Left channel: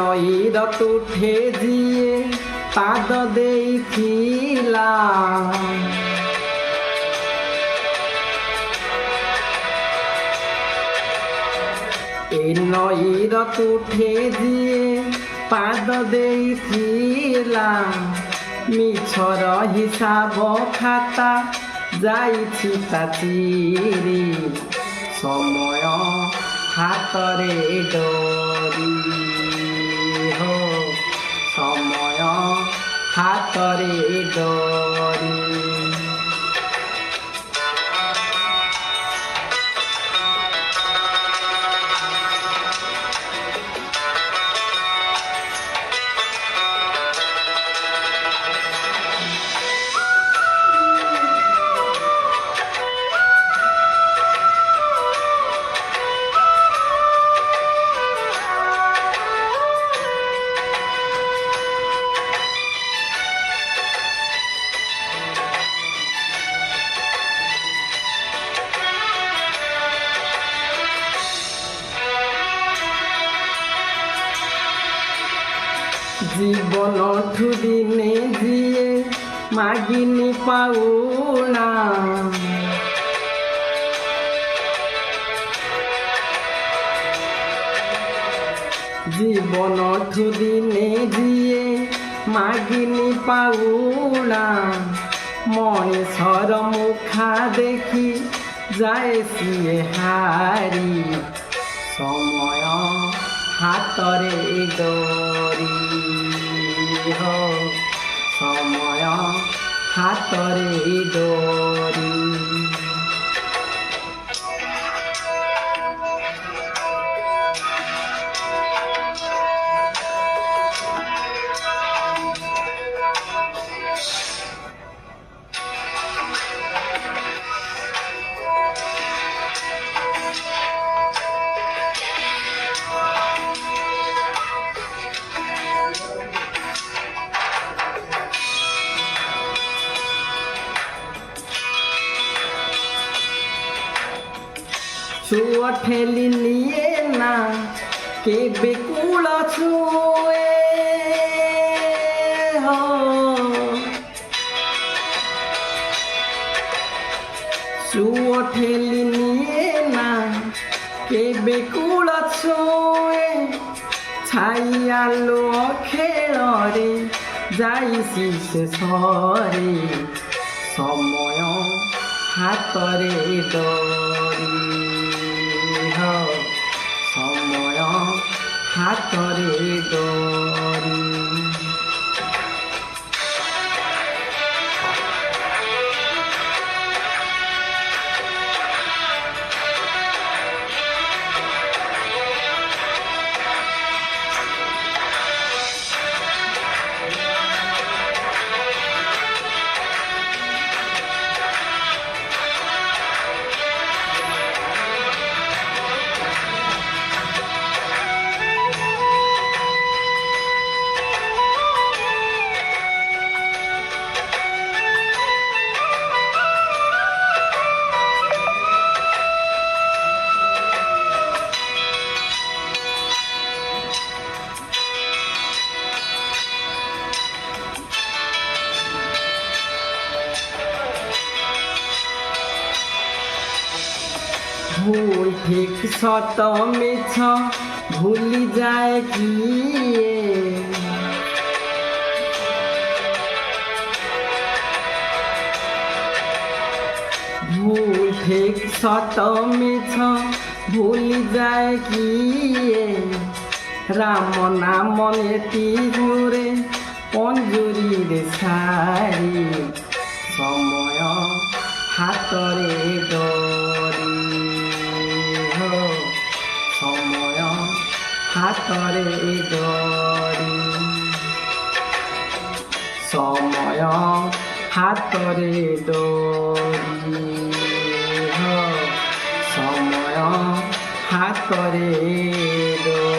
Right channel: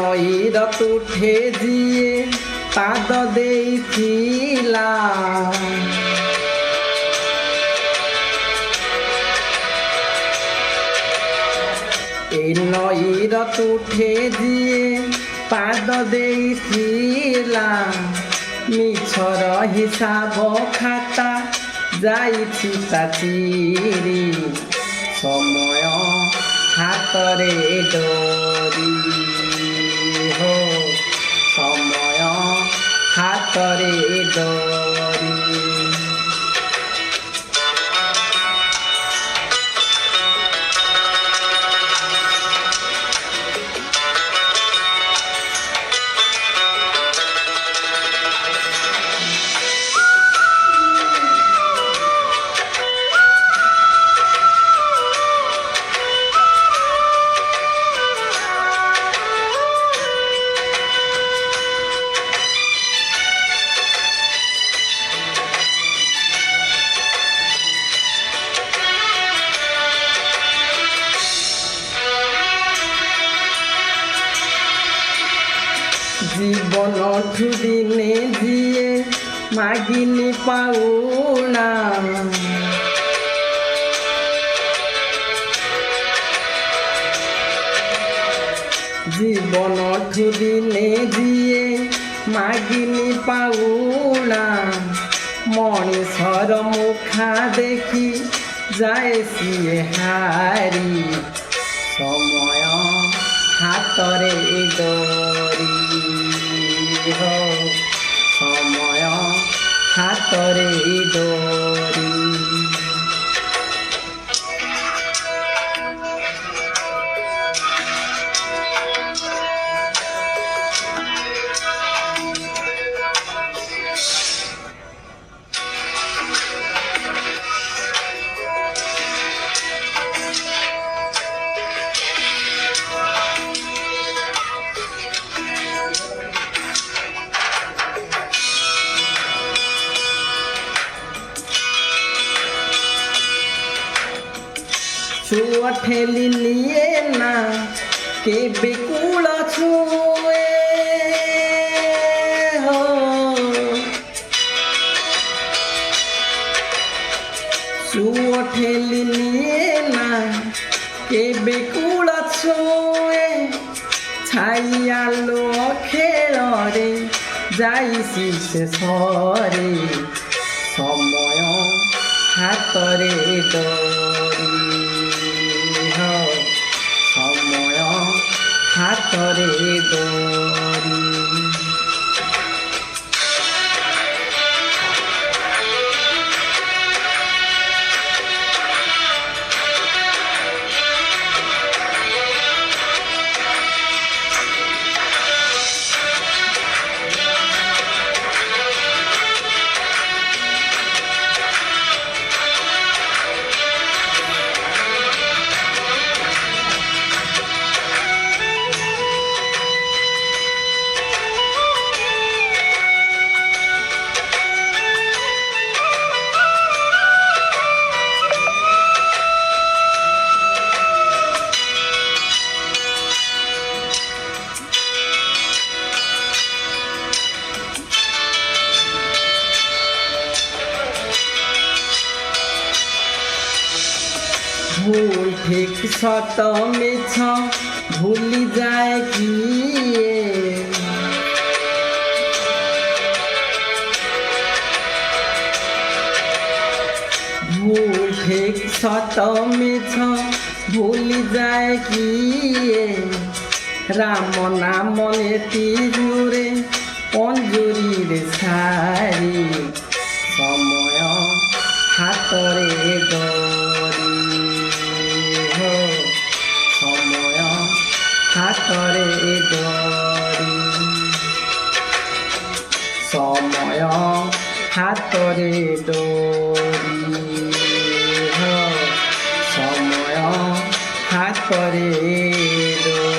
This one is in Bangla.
ନଈର ତୁଠେ ଯିଏ ପାଦ ଦେଇଥିଲା ଏ ନଈର ତୁଠେ ଯିଏ ପାଦ ଦେଇଥିଲା ମିଛର ହିସାବ ଖାତା ଯାଇଛି ତା ଚିରି ସମୟ ହାତରେ ଡୋରି ହୋ ସମୟ ହାତରେ ଡୋରି জীবনঠু দিনে যিয়ে মাগিনি পাওনা জীবনঠু দিনে যিয়ে মাগিনি পাওনা মଣିষର মুখা দেখি যায় সিয়ে হারি সময় হাতরে ডোরি हो समय हातरे डोरी छुआ ठेली निये ना के बेकुल छुए हो छुआ ठेली निये ना के बेकुल छुए छाइया लो खेल रे जाइसी से सरे समय हातरे डोरी समय हातरे डोरी भूल ठीक सत मिछ भूली जाए किए भूल ठीक सत मिछ भूली जाए किए राम नाम नेति जुरे पंजुरी रे सारी समय हातरे डोरी समय हातरे डोरी समय हातरे डोरी समय हातरे डोरी।